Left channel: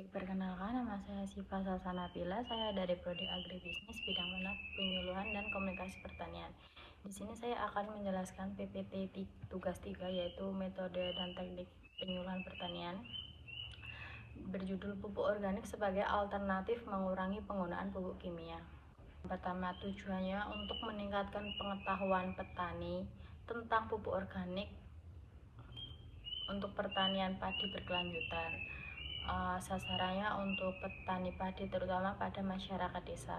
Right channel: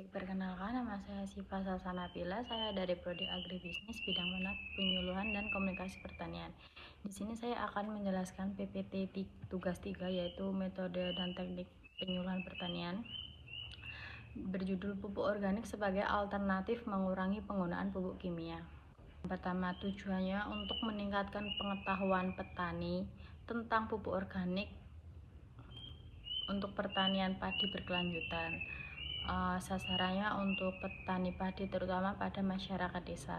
Baik, perkenalkan nama saya Siva Sasanabila. Saya dari Prodi Agribisnis bidang minat penyuluhan dan komunikasi pertanian. Di sini saya akan menjelaskan PPT tugas 3 yaitu metode dan teknik penyuluhan pertanian berjudul pupuk organik sebagai alternatif mengurangi penggunaan pupuk kimia. Pertama, tujuannya untuk meningkatkan pengetahuan petani tentang pupuk organik untuk pertanian padi berkelanjutan. Sasarannya untuk petani padi terutama pada masyarakat desa.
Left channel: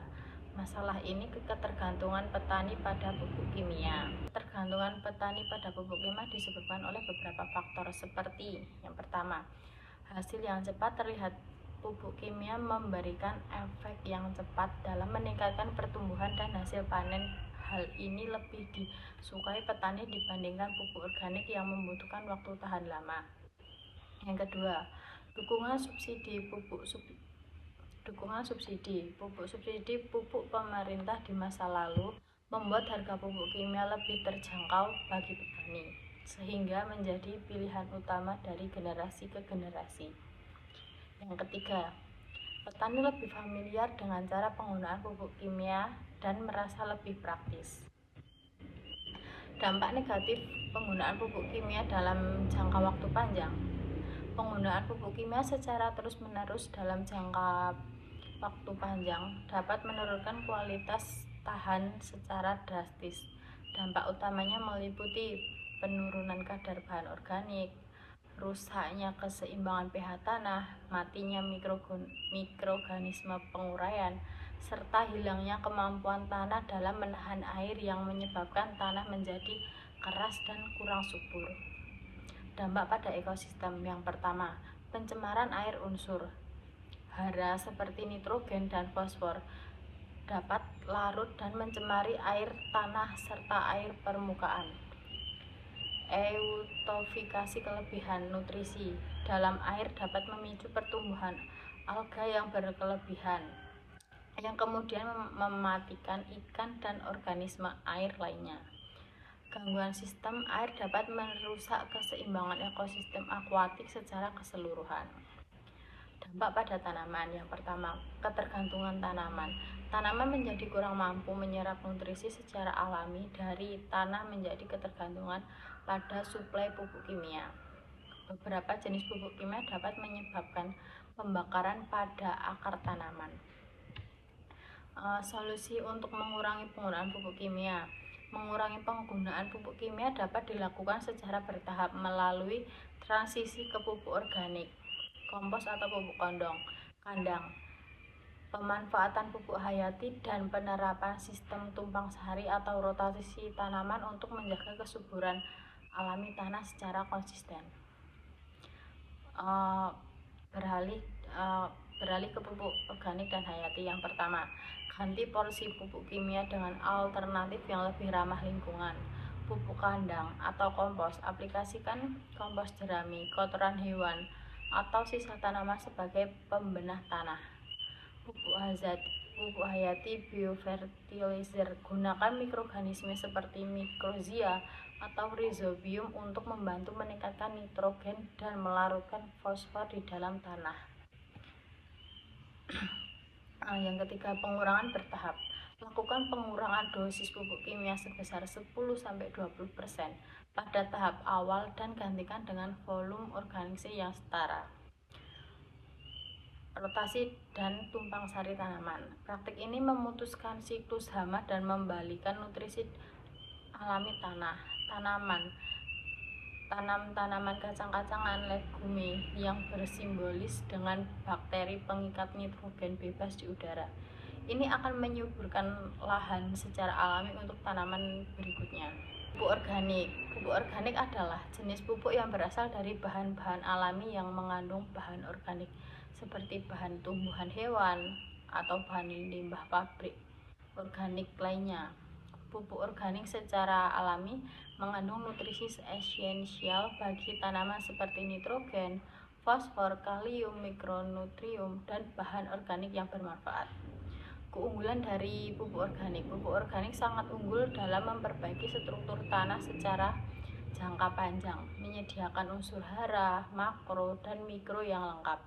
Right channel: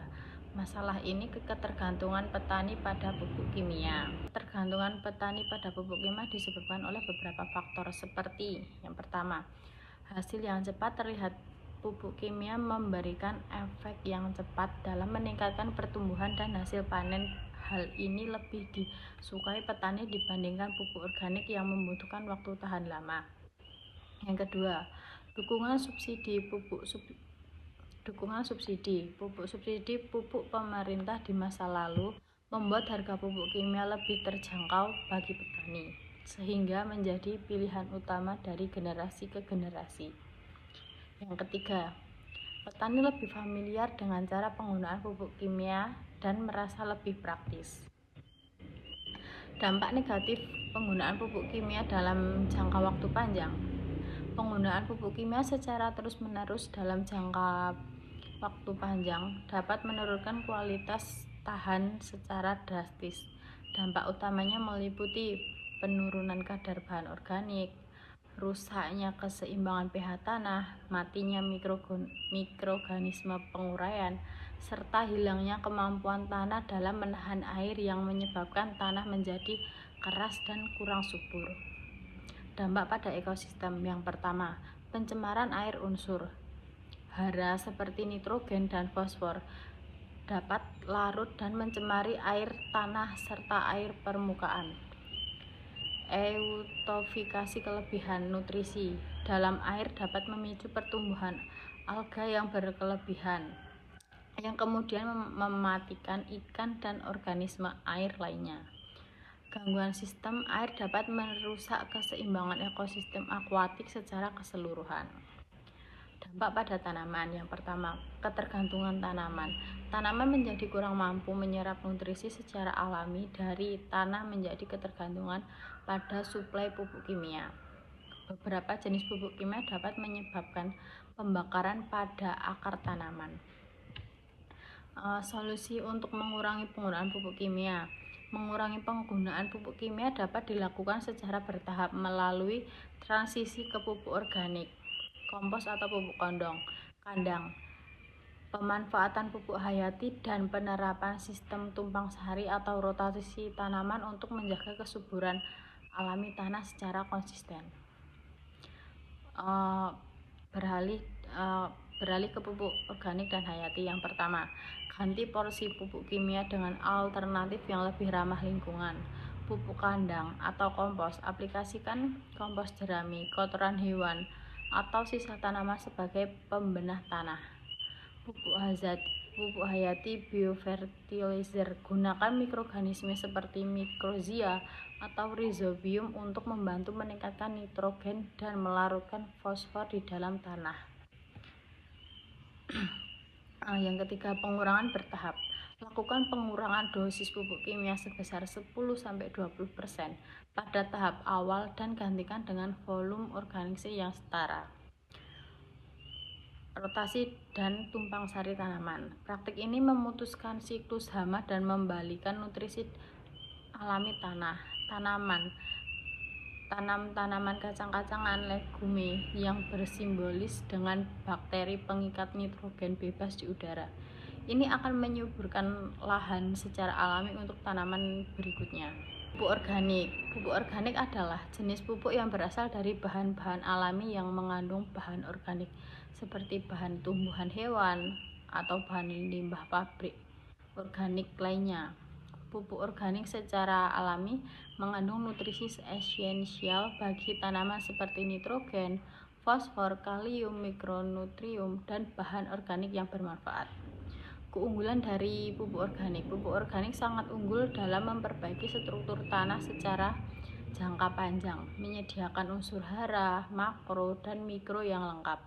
Masalah ini ketergantungan petani pada pupuk kimia. Ketergantungan petani pada pupuk kimia disebabkan oleh beberapa faktor seperti yang pertama, hasil yang cepat terlihat. Pupuk kimia memberikan efek yang cepat dalam meningkatkan pertumbuhan dan hasil panen. Hal ini lebih disukai petani dibandingkan pupuk organik yang membutuhkan waktu tahan lama. Yang kedua, dukungan subsidi pupuk subsidi pupuk pemerintah di masa lalu membuat harga pupuk kimia lebih terjangkau bagi petani, sehingga menjadi pilihan utama dari generasi ke generasi. Yang ketiga, petani lebih familiar dengan cara penggunaan pupuk kimia dan merasa lebih praktis. Dampak negatif penggunaan pupuk kimia dalam jangka waktu panjang. Penggunaan pupuk kimia secara terus-menerus dalam jangka waktu panjang dapat menurunkan kualitas tahan secara drastis. Dampak utamanya meliputi penurunan kadar bahan organik, rusaknya keseimbangan pH tanah, matinya mikroorganisme penguraian, serta hilangnya kemampuan tanah dalam menahan air yang menyebabkan tanah menjadi keras dan kurang subur. Dampak pada ekosistem. Yang pertama, pencemaran air unsur hara seperti nitrogen dan fosfor dapat larut dan mencemari air tanah serta air permukaan. Eutrofifikasi, kelebihan nutrisi dalam air dapat memicu pertumbuhan alga yang berkelebihan yang kemudian mematikan ikan dan organisme air lainnya. Gangguan sistem air dapat merusak keseimbangan ekosistem akuatik secara keseluruhan. Dampak pada tanaman. Yang pertama, ketergantungan tanaman. Tanaman menjadi kurang mampu menyerap nutrisi secara alami dari tanah menjadi ketergantungan pada suplai pupuk kimia. Beberapa jenis pupuk kimia dapat menyebabkan pembakaran pada akar tanaman. Solusi untuk mengurangi penggunaan pupuk kimia. Mengurangi penggunaan pupuk kimia dapat dilakukan secara bertahap melalui transisi ke pupuk organik, kompos atau pupuk kandang, pemanfaatan pupuk hayati, dan penerapan sistem tumpang sari atau rotasi tanaman untuk menjaga kesuburan alami tanah secara konsisten. Beralih ke pupuk organik dan hayati. Yang pertama, ganti porsi pupuk kimia dengan alternatif yang lebih ramah lingkungan. Pupuk kandang atau kompos. Aplikasikan kompos jerami, kotoran hewan, atau sisa tanaman sebagai pembenah tanah. Pupuk hayati biofertilizer. Gunakan mikroorganisme seperti mikrozia atau rhizobium untuk membantu meningkatkan nitrogen dan melarutkan fosfor di dalam tanah. Yang ketiga, pengurangan bertahap. Lakukan pengurangan dosis pupuk kimia sebesar 10-20% pada tahap awal dan gantikan dengan volume organisasi yang setara. Rotasi dan tumpang sari tanaman. Praktik ini memutuskan siklus hama dan membalikan nutrisi alami tanah. Tanam tanaman kacang-kacangan legume yang bersimbolis dengan bakteri pengikat nitrogen bebas di udara. Ini akan menyuburkan lahan secara alami untuk tanaman berikutnya. Pupuk organik. Pupuk organik adalah jenis pupuk yang berasal dari bahan-bahan alami yang mengandung bahan organik seperti bahan tumbuhan hewan atau bahan limbah pabrik organik lainnya. Pupuk organik secara alami mengandung nutrisi esensial bagi tanaman seperti nitrogen, fosfor, kalium, mikronutrium, dan bahan organik yang bermanfaat. Keunggulan dari pupuk organik. Pupuk organik sangat unggul dalam memperbaiki struktur tanah secara jangka panjang, menyediakan unsur hara, makro, dan mikro yang lengkap.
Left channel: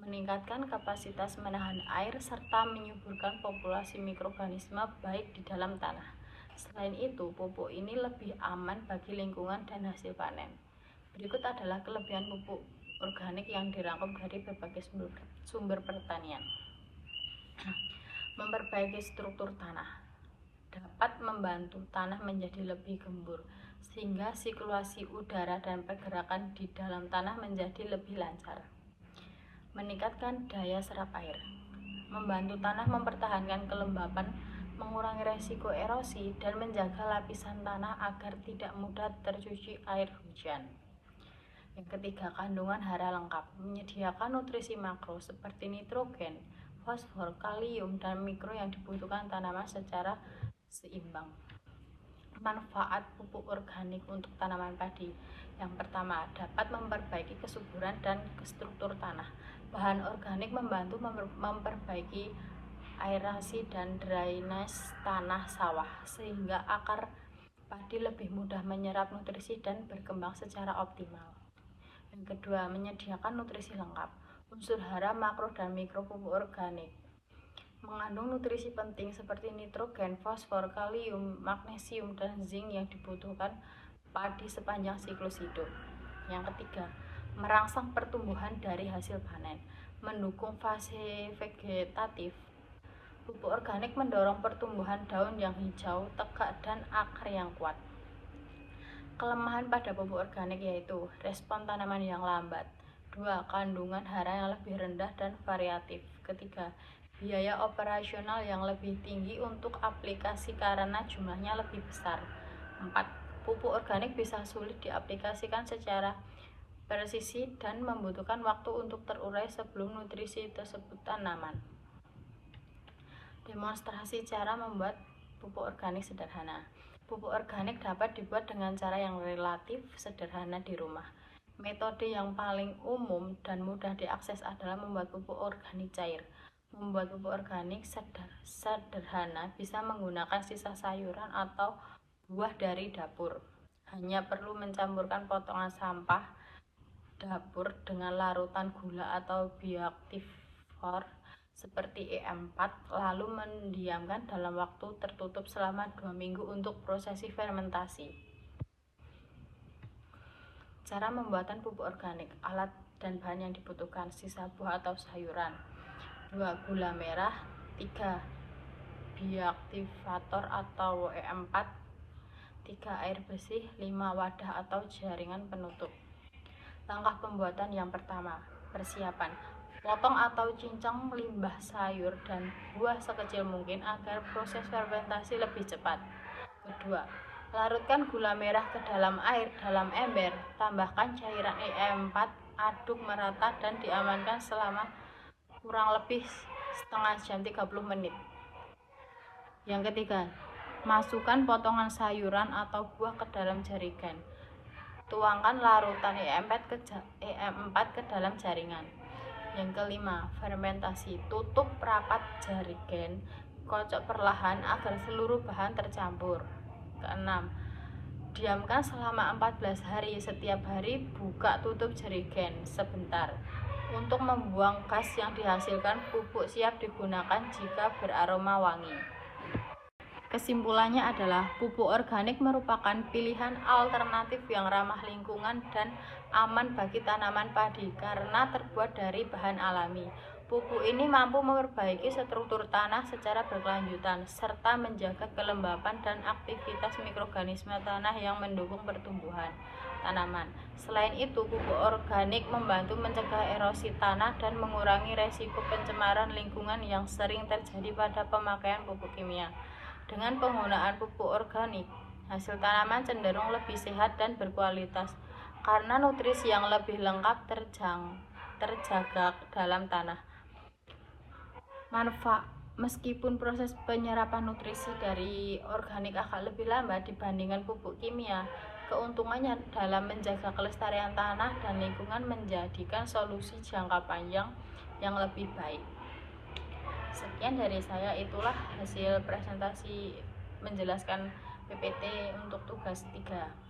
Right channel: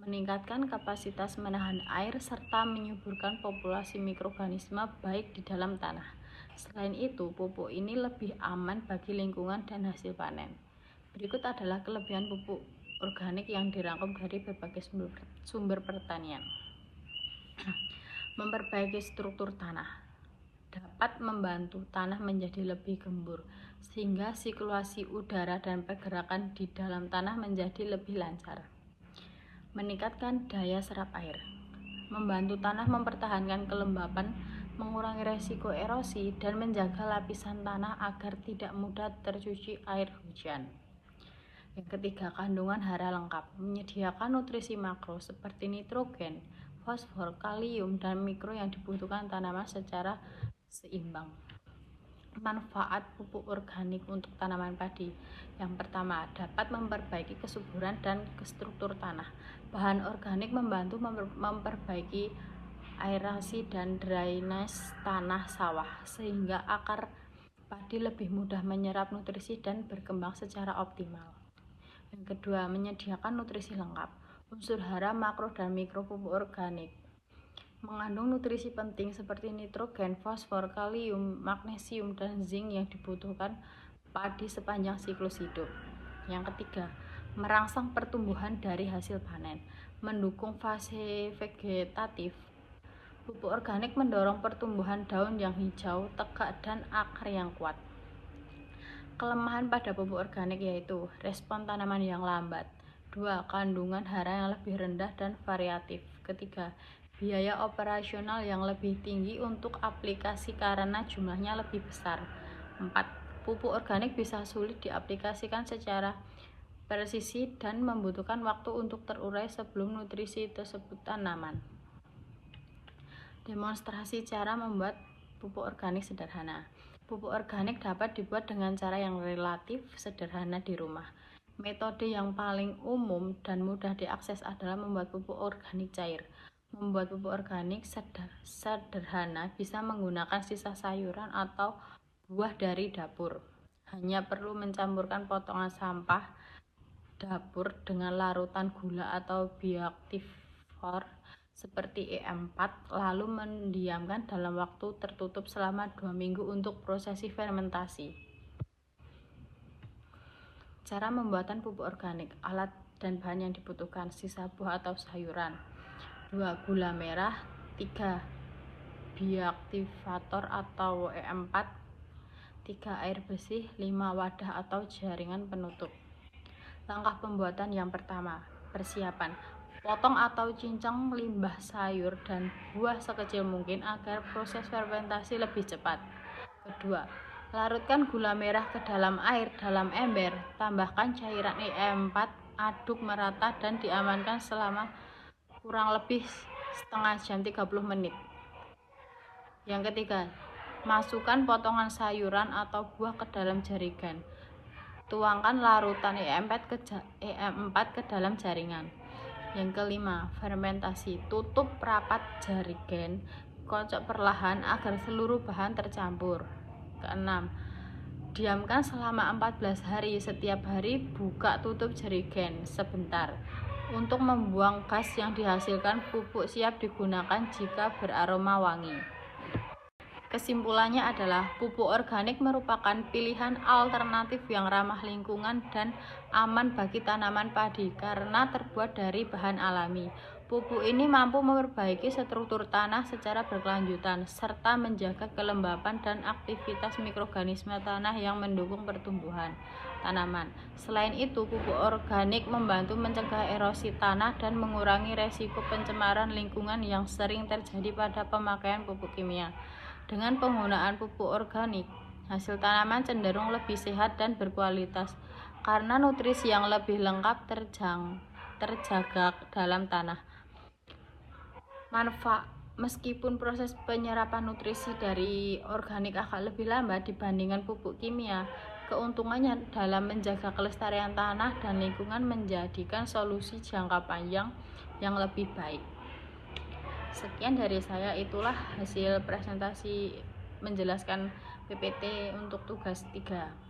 meningkatkan kapasitas menahan air, serta menyuburkan populasi mikroorganisme baik di dalam tanah. Selain itu, pupuk ini lebih aman bagi lingkungan dan hasil panen. Berikut adalah kelebihan pupuk organik yang dirangkum dari berbagai sumber pertanian. Memperbaiki struktur tanah dapat membantu tanah menjadi lebih gembur, sehingga sirkulasi udara dan pergerakan di dalam tanah menjadi lebih lancar. Meningkatkan daya serap air, membantu tanah mempertahankan kelembapan, mengurangi resiko erosi, dan menjaga lapisan tanah agar tidak mudah tercuci air hujan. Yang ketiga, kandungan hara lengkap, menyediakan nutrisi makro seperti nitrogen, fosfor, kalium, dan mikro yang dibutuhkan tanaman secara seimbang. Manfaat pupuk organik untuk tanaman padi. Yang pertama, dapat memperbaiki kesuburan dan struktur tanah. Bahan organik membantu memperbaiki aerasi dan drainase tanah sawah, sehingga akar padi lebih mudah menyerap nutrisi dan berkembang secara optimal. Yang kedua, menyediakan nutrisi lengkap. Unsur hara, makro, dan mikro pupuk organik mengandung nutrisi penting seperti nitrogen, fosfor, kalium, magnesium, dan zinc yang dibutuhkan padi sepanjang siklus hidup. Yang ketiga, merangsang pertumbuhan dari hasil panen, mendukung fase vegetatif. Pupuk organik mendorong pertumbuhan daun yang hijau, tegak, dan akar yang kuat. Kelemahan pada pupuk organik yaitu respon tanaman yang lambat. 2. Kandungan hara yang lebih rendah dan variatif. Ketiga, biaya operasional yang lebih tinggi untuk aplikasi karena jumlahnya lebih besar. 4. Pupuk organik bisa sulit diaplikasikan secara presisi dan membutuhkan waktu untuk terurai sebelum nutrisi tersebut tanaman. Demonstrasi cara membuat pupuk organik sederhana. Pupuk organik dapat dibuat dengan cara yang relatif sederhana di rumah. Metode yang paling umum dan mudah diakses adalah membuat pupuk organik cair. Membuat pupuk organik sederhana bisa menggunakan sisa sayuran atau buah dari dapur. Hanya perlu mencampurkan potongan sampah dapur dengan larutan gula atau bioaktifor seperti E4, lalu mendiamkan dalam waktu tertutup selama 2 minggu untuk prosesi fermentasi. Cara pembuatan pupuk organik. Alat dan bahan yang dibutuhkan: sisa buah atau sayuran, 2. Gula merah, 3. Bioaktivator atau E4, 3. Air bersih, 5. Wadah atau jaringan penutup. Langkah pembuatan yang pertama, persiapan. Potong atau cincang limbah sayur dan buah sekecil mungkin agar proses fermentasi lebih cepat. Kedua, larutkan gula merah ke dalam air dalam ember, tambahkan cairan E4, aduk merata dan diamankan selama kurang lebih setengah jam 30 menit. Yang ketiga, masukkan potongan sayuran atau buah ke dalam jaringan. Tuangkan larutan E4 ke dalam jaringan. Yang kelima, fermentasi. Tutup rapat jaringan, kocok perlahan agar seluruh bahan tercampur. Keenam, diamkan selama 14 hari. Setiap hari buka tutup jaringan sebentar untuk membuang gas yang dihasilkan. Pupuk siap digunakan jika beraroma wangi. Kesimpulannya adalah pupuk organik merupakan pilihan alternatif yang ramah lingkungan dan aman bagi tanaman padi karena terbuat dari bahan alami. Pupuk ini mampu memperbaiki struktur tanah secara berkelanjutan serta menjaga kelembapan dan aktivitas mikroorganisme tanah yang mendukung pertumbuhan tanaman. Selain itu, pupuk organik membantu mencegah erosi tanah dan mengurangi resiko pencemaran lingkungan yang sering terjadi pada pemakaian pupuk kimia. Dengan penggunaan pupuk organik, hasil tanaman cenderung lebih sehat dan berkualitas karena nutrisi yang lebih lengkap terjaga dalam tanah. Manfaat. Meskipun proses penyerapan nutrisi dari organik akan lebih lambat dibandingkan pupuk kimia, keuntungannya dalam menjaga kelestarian tanah dan lingkungan menjadikan solusi jangka panjang yang lebih baik. Sekian dari saya, itulah hasil presentasi menjelaskan PPT untuk tugas 3.